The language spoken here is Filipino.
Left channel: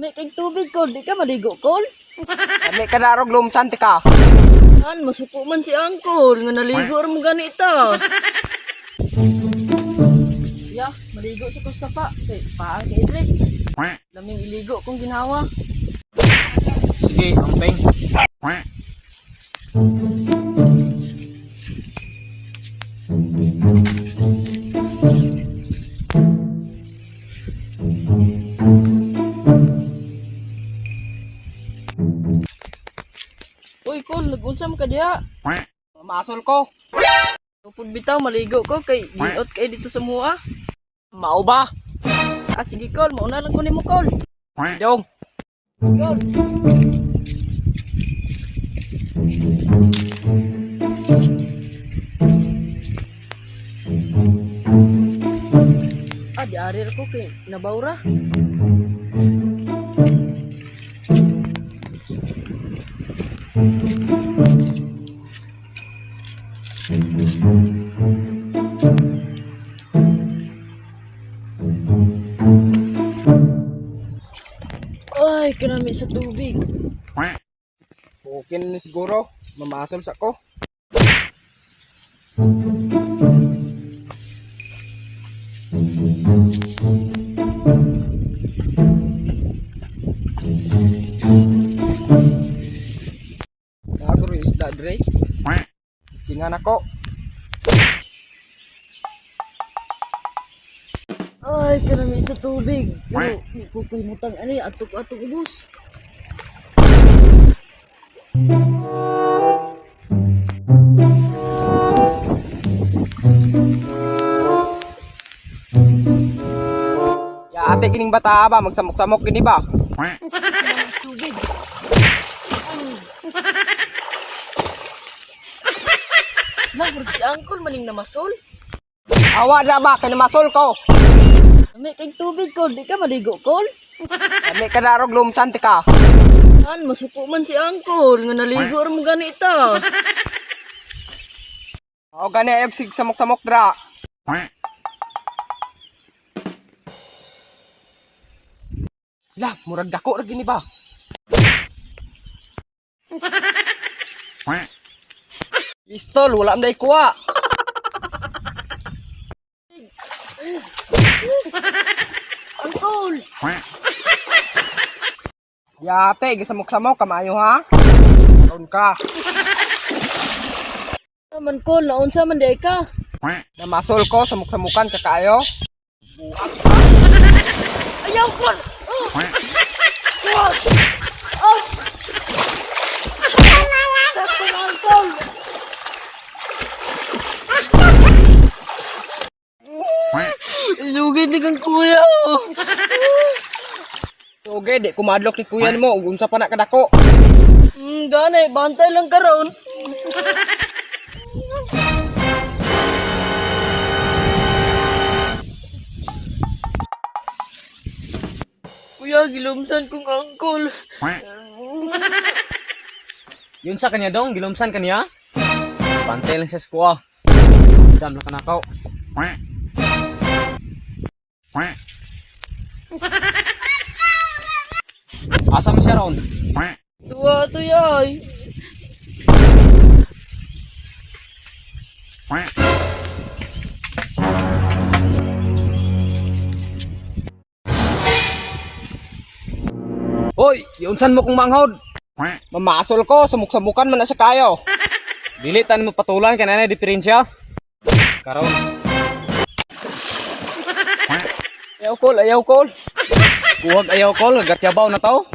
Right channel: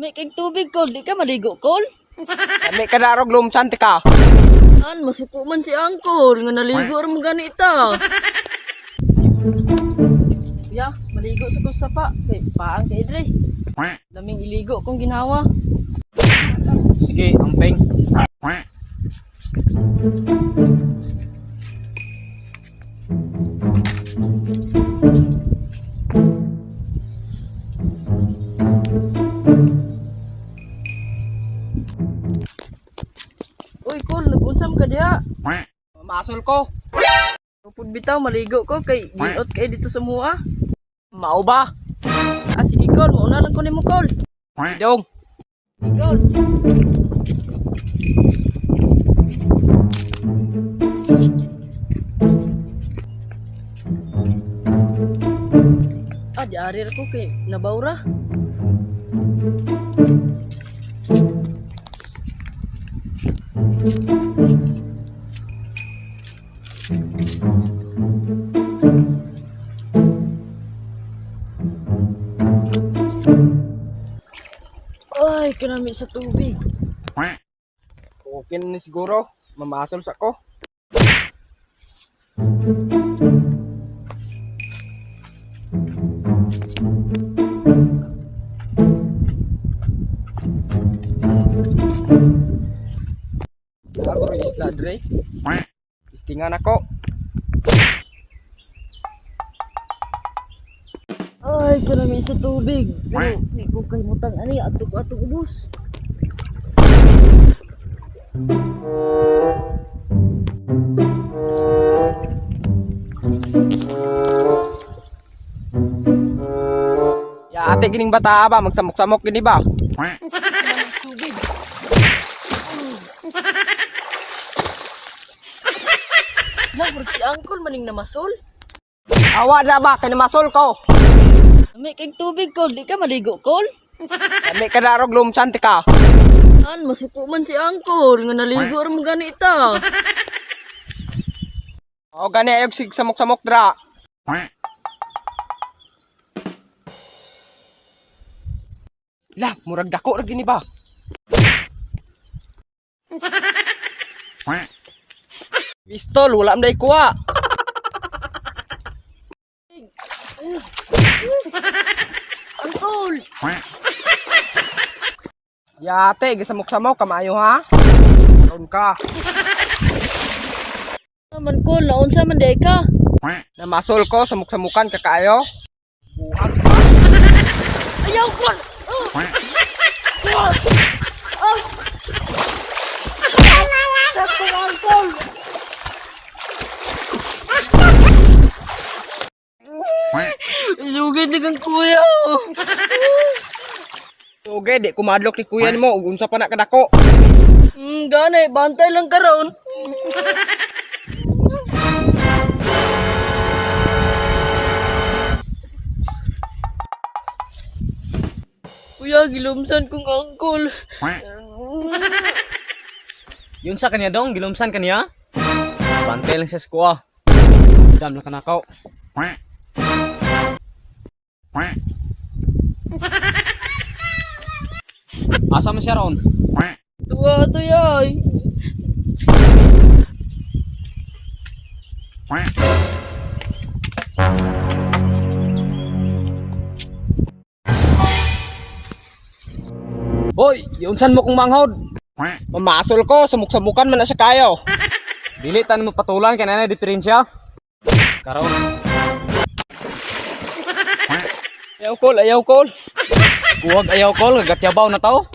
May kay tubig kol, di ka maligo kol? Kami kadarog lumsan ka. An masuko man si Angkol nga naligo ra mo ganita. Ya, maligo sa ko sapa. Kay paang kay dre. Daming iligo kong ginawa. Sige, amping. Uy kol, nagunsam ka diha. Masol ko. Kapag bitaw maligo ko kay ginot kay dito sa mua. Mao ba? Ah sige kol, mauna lang ko nimo kol. Dong. Kol. Ah, di ari ra ko kay nabawra. Ay, kinami sa tubig. Okay na ni siguro. Mamasol sa ko. Ako rin isla, Dre. Istingan ako. Ay, kinami sa tubig. Hindi ko kay mutang ani atok-atok ubos. Ya ate kining bata ba magsamok-samok gini ba? Tubig. Lah, si Angkol maning namasol. Awa na ba kay masol ko. May kay tubig kol, di ka maligo kol? Kami kadarog lumsan ka. An masuko man si Angkol nga naligo ra mo ganita. O gani ayog sig samok-samok dra. Lah, murag dako ra gini ba? Pistol, wala am day kuha. Angkol. Yate, gisamok-samok kamayo ha. Karon ka. Naman kol, naunsa man day ka? Namasol ko samok-samukan ka kaayo. Ayaw kol. Isugid ni kang kuya. Oge, di kumadlok ni kuyan mo. Ug unsa pa na kadako? Ganay, bantay lang karon. Kuya, gilumsan kong angkol. Yun sa kanya dong, gilumsan kanya. Bantay lang sa squaw. Dam na kanakaw. Asa mo siya ron? Tuwa to yay. Hoy, yunsan mo kong manghod. Mamasol ko, samuk-samukan man na siya kayo. Dili tan mo patulan kay nanay diferensya. Karon. Ayaw kol. Huwag ayaw kol, gatyabaw na to.